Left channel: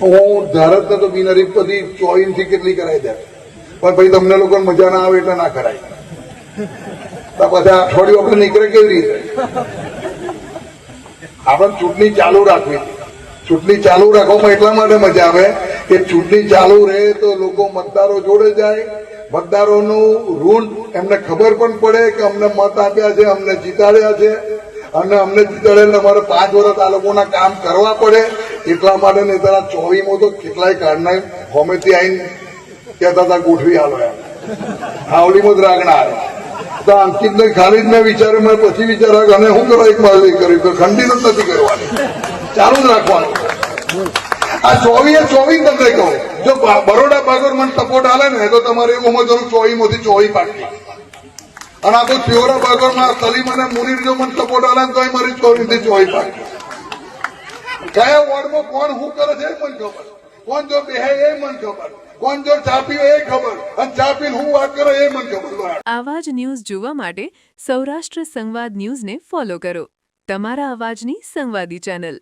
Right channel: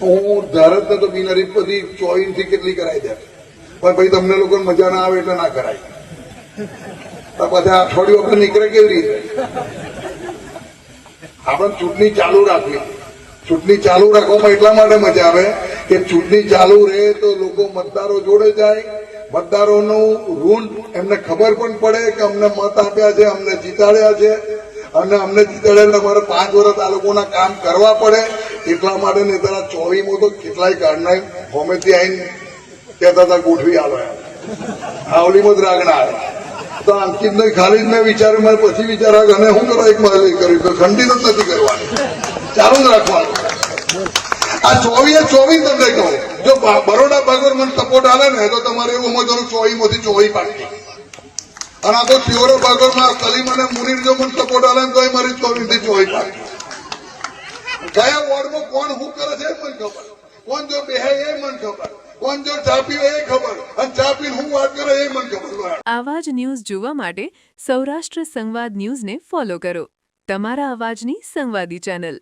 હું ધારત તો બિનહરીફ પછી 24 થી કેટલી કરાવી દે, પણ ભાઈ તમને લોકોને મજા ના આવે એટલે ના કરાય. તો બધા અઠવાડિયું આપણે નીકળે કેવી રીતે? આપણે ચૂંટણી ચાલુ રાખવી. ચૂંટણી ચાલુ રાખવામાં એટલા માટે મજા આવે કે ચૂંટણી ચાલુ રહે તો લોકો મતદારો જોડે જાય, મતદારોનું ઋણ એમને ખબર પણ પડે કે અમને મત આપ્યા છે, અમને જીતાડ્યા છે, અને અમને જીતાડે અમારે 5 વર્ષ આ લોકોના કામ કરવા પડે. એટલા માટે નેતા 24માં તો કેટલાય કાઢનાર ગમેથી આવીને કહેતા હતા ગોઠવી આવે, આવલીમાં જ રાખનાર. તો અંકિતને ખાલી જ મેં વિચાર્યું, મેં પછી વિચાર્યા અને શું કરવા એક માલ કર્યું કે ખંડિત જ નથી કરવાનું, ચાલુ જ રાખવાનું. આ 24 તમને કહો, જો બરોડા બાગોર મને સપોર્ટ આલે ને તો તમારે એવું સમજવાનું 24 માંથી 24 પાર્ટી. અને આ તો પ્યોરા બાગોરમાં સલીમ અને મુનીર જો મને સપોર્ટ આલે તો મારી 24 થી 24 પાર્ટી. કયા વોર્ડમાં કોણ શું કરે છે એ મને ખબર, કોણ જો બેહે એ મને ખબર, કોણ જો ચા પીવે એ ખબર, અને ચા પીને હું વાત કરે એ મને ખબર. આવા જ ન્યૂઝ જોવા માટે સૌરાષ્ટ્ર સંવાદ ન્યૂઝને ફોલો કરો, તમારા અવાજની સંવાદી ચેનલ.